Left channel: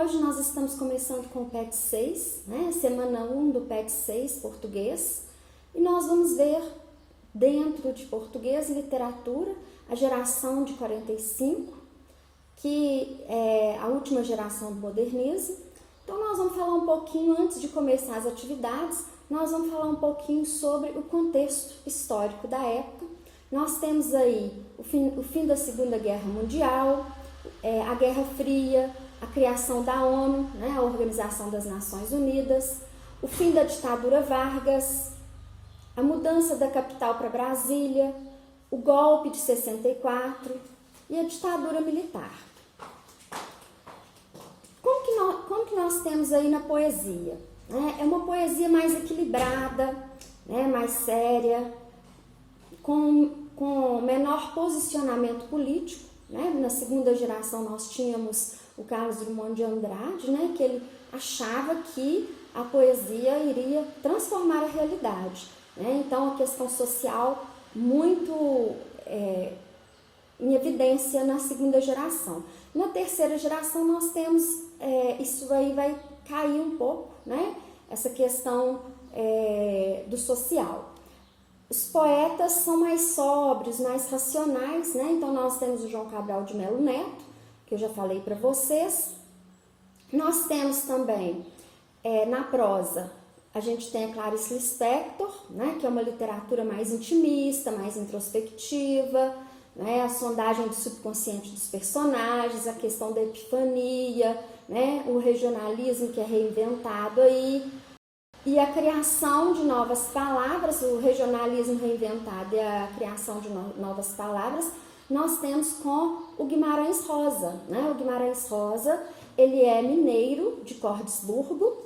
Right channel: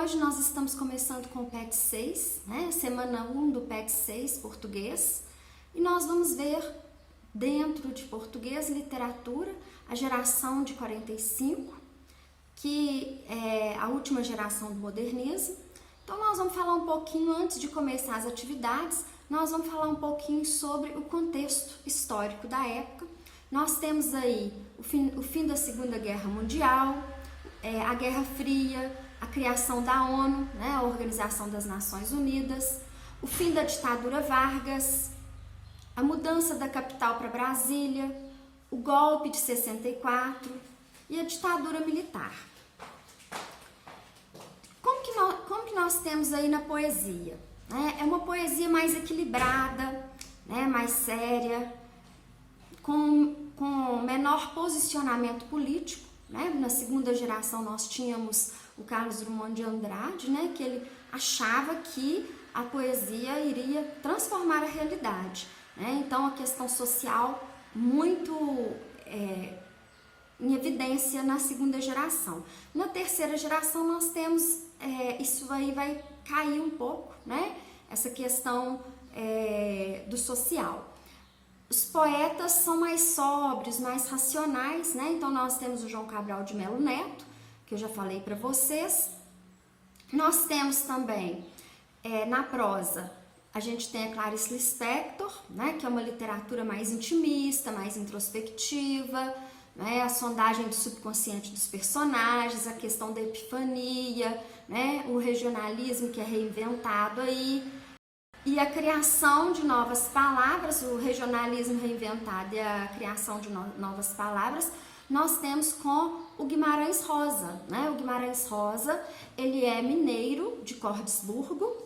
hoje nós estamos começando com o PET 6, né? Semana 1 do PET 6, português, e nós vamos ver dentro de português e literatura a geração de 45, que é a última geração do modernismo. Então nós vamos falar um pouquinho, antes de começar as atividades, nós vamos falar um pouquinho sobre o contexto histórico da época. Nós temos aí o fim da Segunda Guerra Mundial, a Guerra Fria, a criação da ONU, né, a Organização das Nações Unidas, o fim da ditadura Vargas, a mudança da capital para Brasília, o golpe de 64 e a ditadura militar. Como que nós temos aí na poesia? É uma poesia mais equilibrada, né, mais séria, com menor posicionamento político, né? Na segunda geração nós tínhamos o Carlos Drummond de Andrade, né, que ele achava que a poesia iria transformar a realidade, né? Então a questão social muito em evidência na segunda geração. Na terceira geração nós temos, isso aí vai cair um pouco, né? Essa questão do social. Os poetas são mais sóbrios, mais racionais, né? Então nós temos o João Cabral de Melo Neto, que eu já falei para vocês. Nós temos também, na prosa, a gente tem a Clarice Lispector, né? Que é uma literatura mais intimista, mais introspectiva, né? A sondagem do subconsciente dos personagens, a questão da epifania, né? O regionalismo que é reinventado aí, e a criação de novas palavras, o regionalismo reinventado e a criação de novas palavras, nós temos com o Guimarães Rosa, né? O Guimarães Rosa, ele é mineiro de Cordesburgo,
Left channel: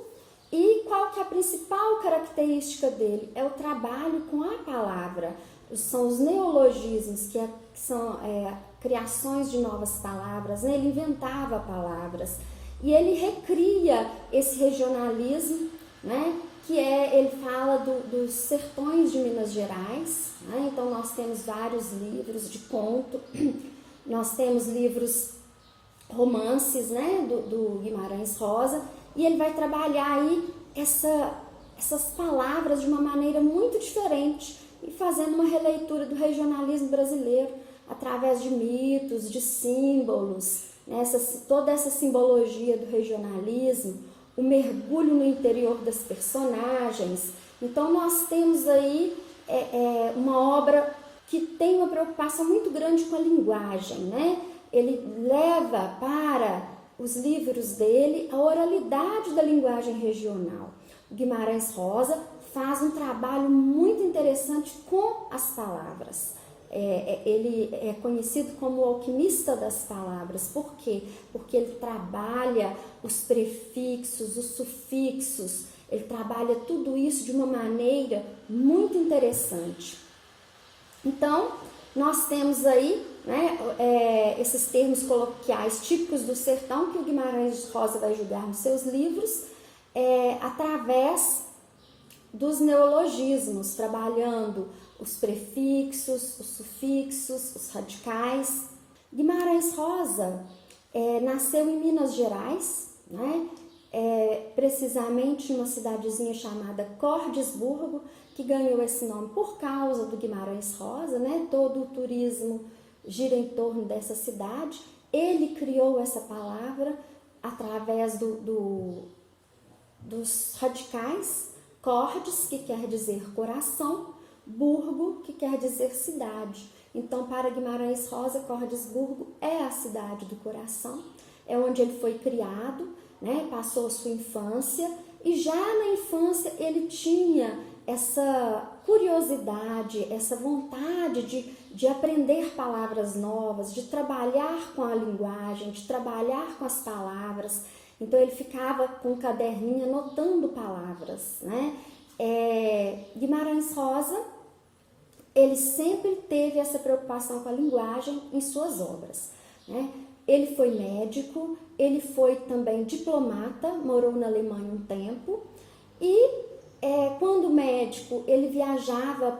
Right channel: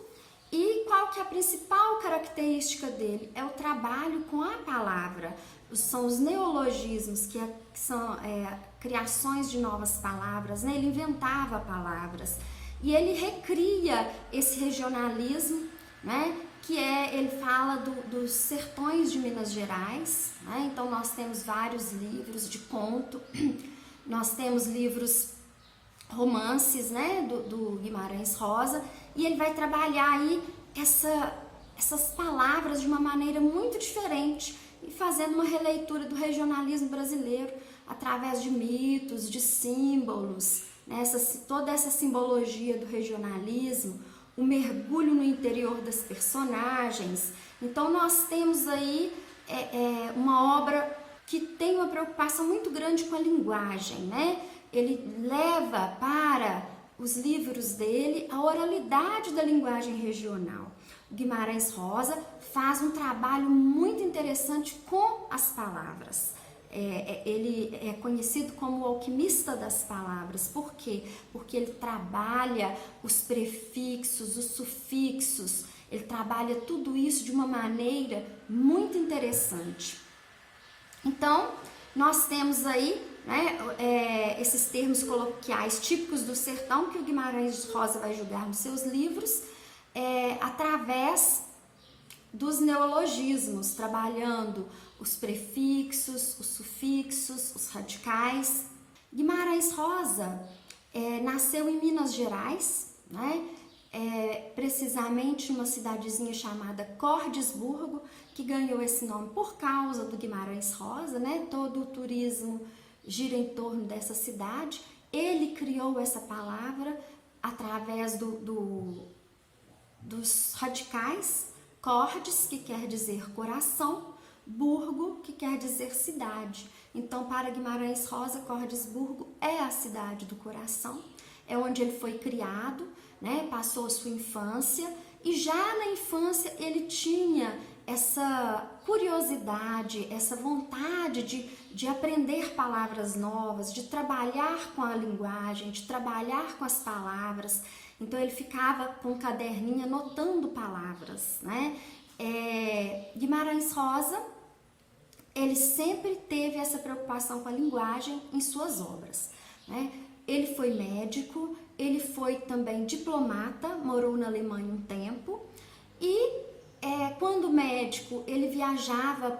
e qual que é a principal característica dele? É o trabalho com a palavra, são os neologismos, que são criações de novas palavras, né? Ele inventava palavras, e ele recria esse regionalismo, né? Que ele fala dos sertões de Minas Gerais, né? Então nós temos vários livros de conto, nós temos livros, romances, né? do Guimarães Rosa, e ele vai trabalhar aí essas palavras de uma maneira muito diferente e fazendo uma releitura do regionalismo brasileiro através de mitos, de símbolos, né? Toda essa simbologia do regionalismo, o mergulho no interior das personagens. Então nós temos aí uma obra que tem uma preocupação muito grande com a linguagem, né? Ele leva para os livros dele a oralidade da linguagem regional. O Guimarães Rosa faz um trabalho muito interessante com as palavras. Ele é conhecido como o alquimista das palavras. Por quê? Porque ele trabalha os prefixos, os sufixos, ele trabalha tudo isso de uma maneira muito interessante. Então, nós temos aí, né, esses termos coloquiais típicos do sertão que o Guimarães Rosa vai julgar nos seus livros, através dos neologismos, trabalhando os prefixos, os sufixos, os radicais. Guimarães Rosa nasceu em Minas Gerais, né? Precisamente em uma cidadezinha chamada Cordesburgo, que ganhou esse nome por causa do Guimarães Rosa, né? Todo o turismo gira em torno dessa cidade. Ele criou essa palavra através dos radicais, cordes, que quer dizer coração, burgo, que quer dizer cidade. Então, para Guimarães Rosa, Cordesburgo é a cidade do coração, é onde ele foi criado, né? Passou a sua infância, e já na infância ele tinha essa curiosidade, essa vontade de aprender palavras novas, de trabalhar com a linguagem, de trabalhar com as palavras. Então ele ficava com um caderninho anotando palavras, né? Guimarães Rosa, ele sempre teve essa preocupação com a linguagem em suas obras, né? Ele foi médico, ele foi também diplomata, morou na Alemanha um tempo, e quando médico ele viajava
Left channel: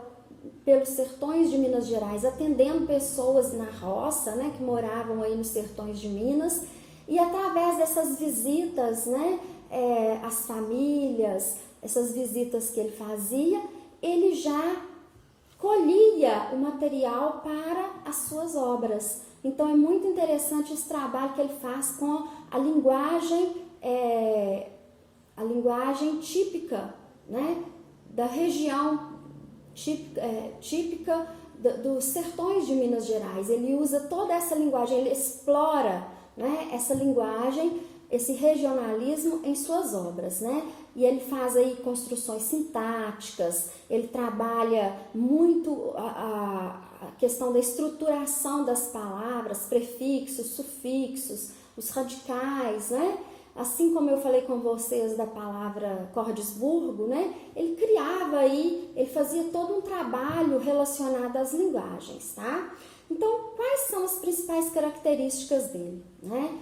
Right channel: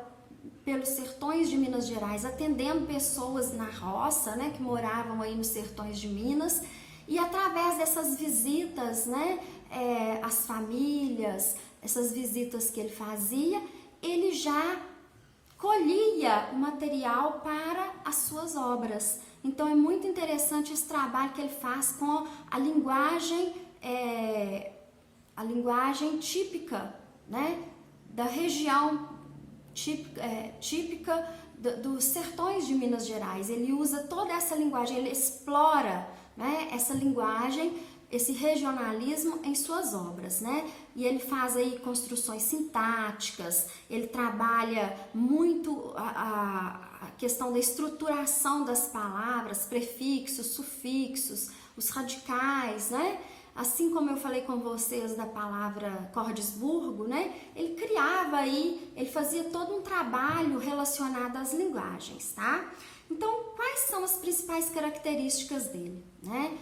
pelos sertões de Minas Gerais, atendendo pessoas na roça, né, que moravam aí nos sertões de Minas, E através dessas visitas, né, às famílias, essas visitas que ele fazia, ele já colhia o material para as suas obras. Então é muito interessante esse trabalho que ele faz com a linguagem típica, né, da região típica dos sertões de Minas Gerais. Ele usa toda essa linguagem, ele explora, né, essa linguagem, esse regionalismo em suas obras, né? E ele faz aí construções sintáticas, ele trabalha muito a questão da estruturação das palavras, prefixos, sufixos, os radicais, né? Assim como eu falei com vocês da palavra Cordesburgo, né? Ele criava aí, ele fazia todo um trabalho relacionado às linguagens, tá? Então, quais são as principais características dele, né?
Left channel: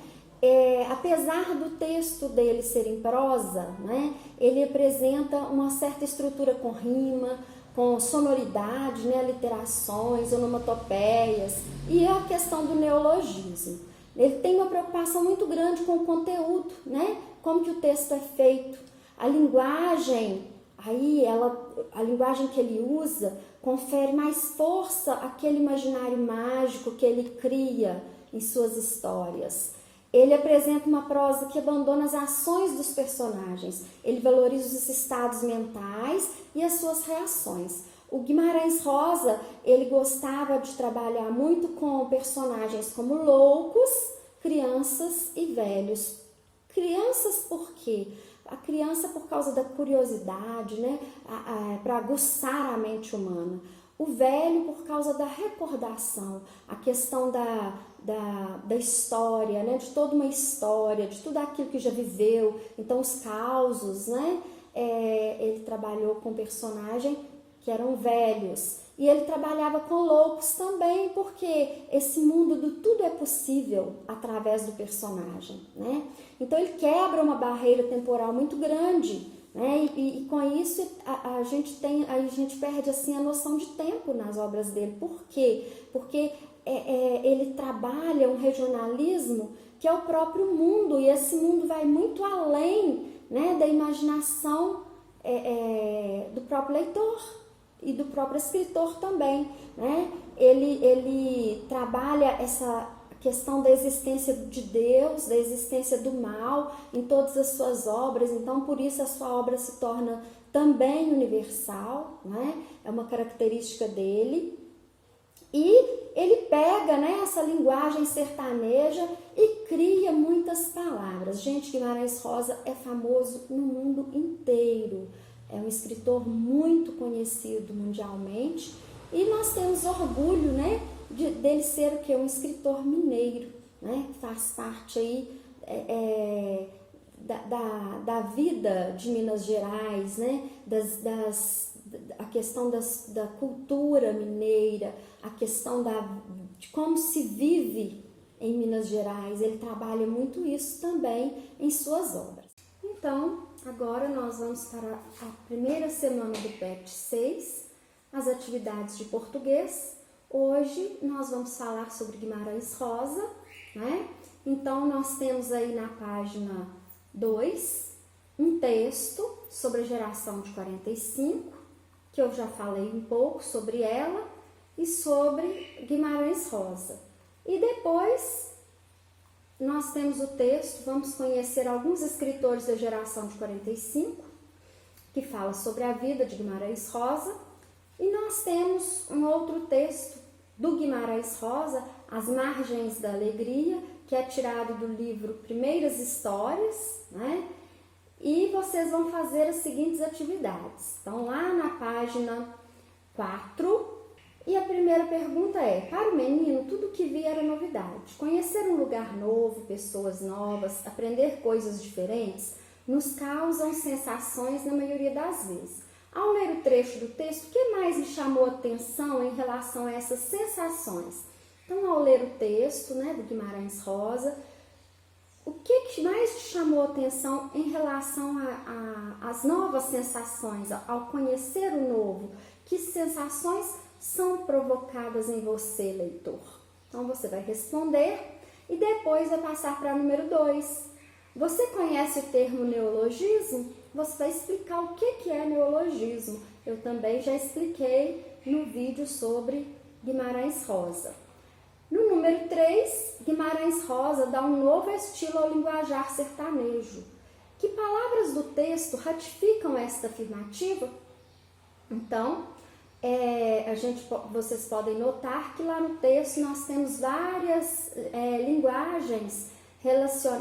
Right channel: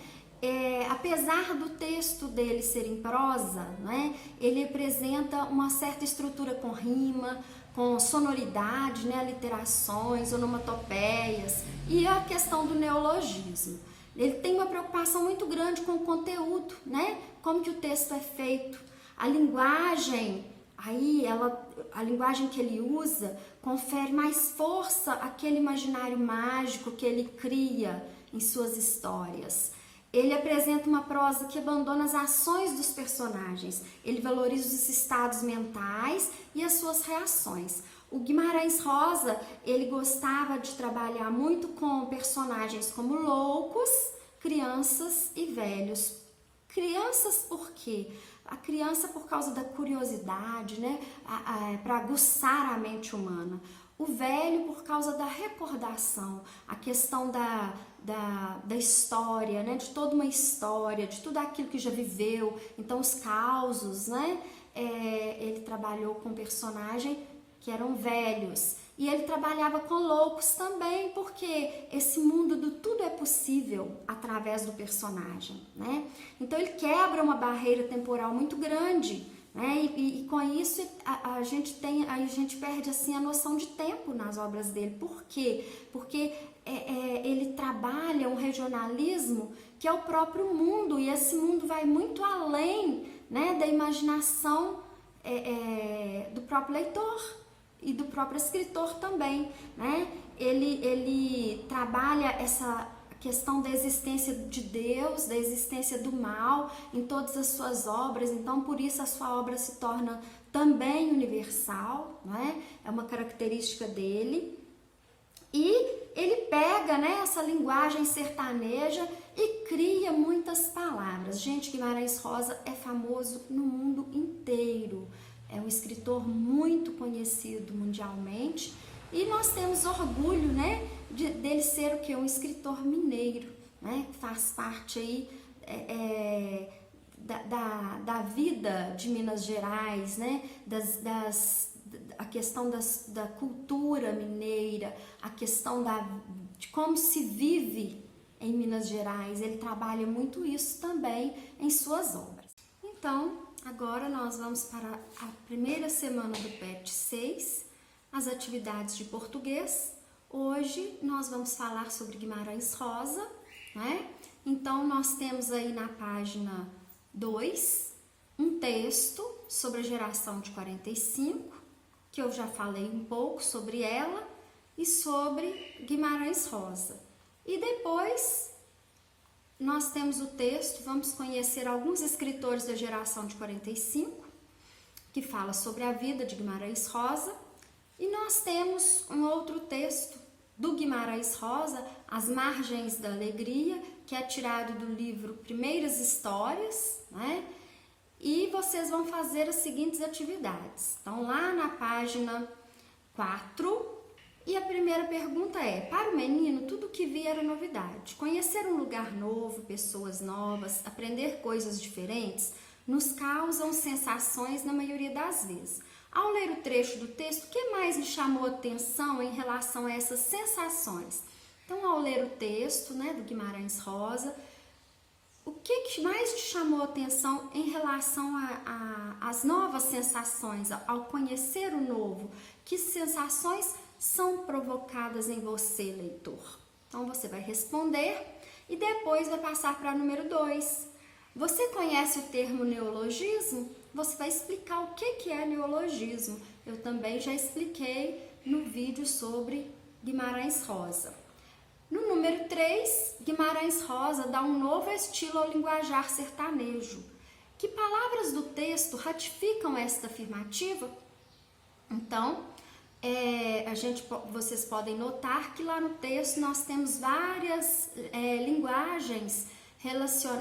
Apesar do texto dele ser em prosa, né, ele apresenta uma certa estrutura com rima, com sonoridade, né, aliterações, onomatopeias e a questão do neologismo. Ele tem uma preocupação muito grande com o conteúdo, né, como que o texto é feito, a linguagem, a linguagem que ele usa confere mais força àquele imaginário mágico que ele cria em suas histórias. Ele apresenta uma prosa que abandona as ações dos personagens, ele valoriza os estados mentais e as suas reações. O Guimarães Rosa, ele gostava de trabalhar muito com personagens como loucos, crianças e velhos. Crianças por quê? A criança por causa da curiosidade, né? Para aguçar a mente humana. O velho por causa da recordação, a questão da história, né? De toda uma história, de tudo aquilo que já viveu. Então, os causos, né? Ele trabalhou com personagens que eram velhos. E ele trabalhava com loucos também, porque esse mundo do tudo é possível através do personagem, né? Então, ele quebra uma barreira temporal muito grande, né? E com isso a gente perde assim a noção de tempo nas obras dele. Por quê? Porque ele trabalha um regionalismo que é o próprio mundo, e esse mundo vai muito além, né, da imaginação do próprio leitor e do próprio escritor também, né? Ele trabalha essa questão da existência de Deus, da existência do mal em todas as suas obras. Então, por isso a sua obra se torna também universal, não é? É uma característica dele. E ele pega, né, essa linguagem sertaneja e cria muitas palavras. Gente, Guimarães Rosa é famoso no mundo inteiro. É um escritor muito conhecido mundialmente e nós temos orgulho, né, dele ser o que? Um escritor mineiro, né, que faz parte aí da vida de Minas Gerais, né, a questão da cultura mineira, a questão de como se vive em Minas Gerais. Ele trabalha muito isso também em suas obras. Então, agora nós vamos para a primeira semana do PET 6, as atividades de português. Hoje nós vamos falar sobre Guimarães Rosa, né? Então, nós temos aí na página 2 um texto sobre a geração de 45, que eu já falei um pouco sobre ela, e sobre Guimarães Rosa. E depois nós temos o texto, vamos conhecer alguns escritores da geração de 45, que fala sobre a vida de Guimarães Rosa, e nós temos um outro texto do Guimarães Rosa, As Margens da Alegria, que é tirado do livro Primeiras Histórias, né? E vocês vão fazer as seguintes atividades. Então, lá na página 4, e a primeira pergunta é: para o menino, tudo que via era novidade. Conhecer um lugar novo, pessoas novas, aprender coisas diferentes, nos causam sensações na maioria das vezes. Ao ler o trecho do texto, o que mais lhe chamou a atenção em relação a essas sensações? Então, ao ler o texto, né, do Guimarães Rosa, o que mais te chamou a atenção em relação às novas sensações, ao conhecer o novo? Que sensações são provocadas em você, leitor? Então, você vai responder e depois vai passar para número 2. Você conhece o termo neologismo? Você vai explicar o que é neologismo. Eu também já expliquei no vídeo sobre Guimarães Rosa. No número 3, Guimarães Rosa dá um novo estilo ao linguajar sertanejo. Que palavras do texto ratificam esta afirmativa? Então, vocês podem notar que lá no texto nós temos várias linguagens,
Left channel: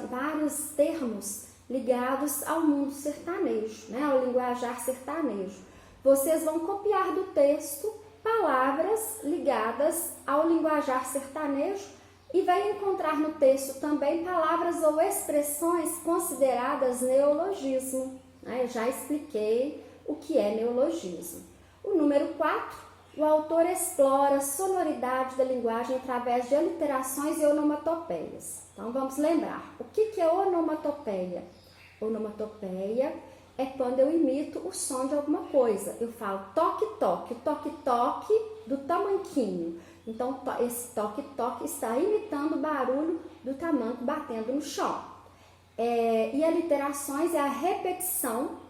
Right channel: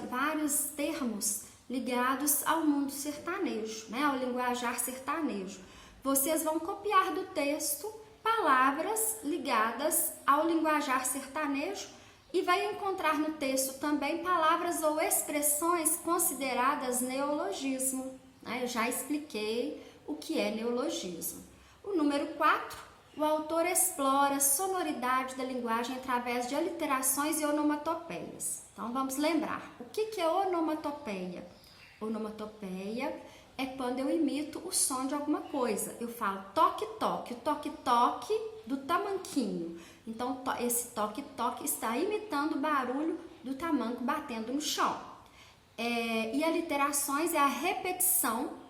vários termos ligados ao mundo sertanejo, né, ao linguajar sertanejo. Vocês vão copiar do texto palavras ligadas ao linguajar sertanejo e vai encontrar no texto também palavras ou expressões consideradas neologismo. Eu já expliquei o que é neologismo. O número 4, o autor explora a sonoridade da linguagem através de aliterações e onomatopeias. Então vamos lembrar, o que é onomatopeia? Onomatopeia é quando eu imito o som de alguma coisa. Eu falo toque-toque, o toque-toque do tamanquinho. Então, esse toque-toque está imitando o barulho do tamanco batendo no chão. E aliterações é a repetição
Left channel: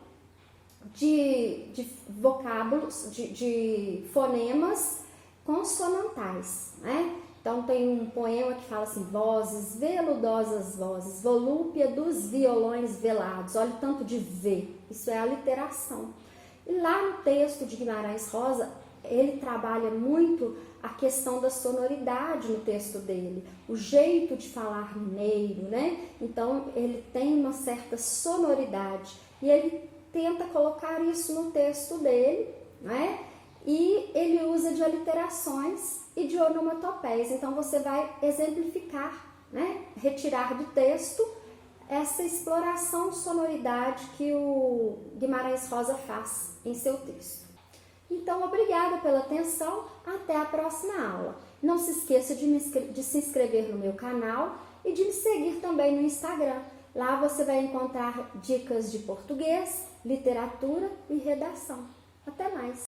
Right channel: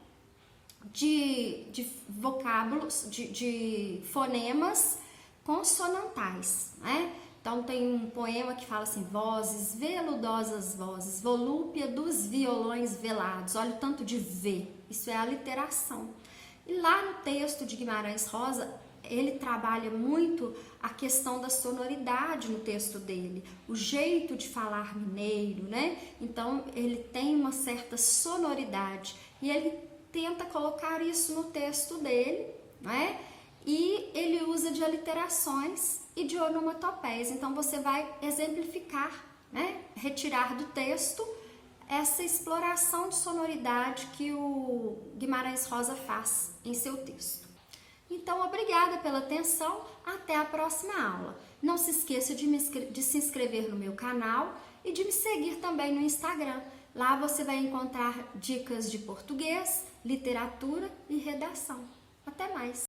de vocábulos, de fonemas consonantais, né? Então, tem um poema que fala assim, vozes, veludosas vozes, volúpia dos violões velados. Olha o tanto de V, isso é aliteração. E lá no texto de Guimarães Rosa, ele trabalha muito a questão da sonoridade no texto dele, o jeito de falar mineiro, né? Então, ele tem uma certa sonoridade e ele tenta colocar isso no texto dele, né? E ele usa de aliterações e de onomatopeias. Então, você vai exemplificar, né? Retirar do texto essa exploração de sonoridade que o Guimarães Rosa faz em seu texto. Então, obrigada pela atenção, até a próxima aula. Não se esqueça de se inscrever no meu canal e de me seguir também no Instagram. Lá você vai encontrar dicas de português, literatura e redação. Até mais!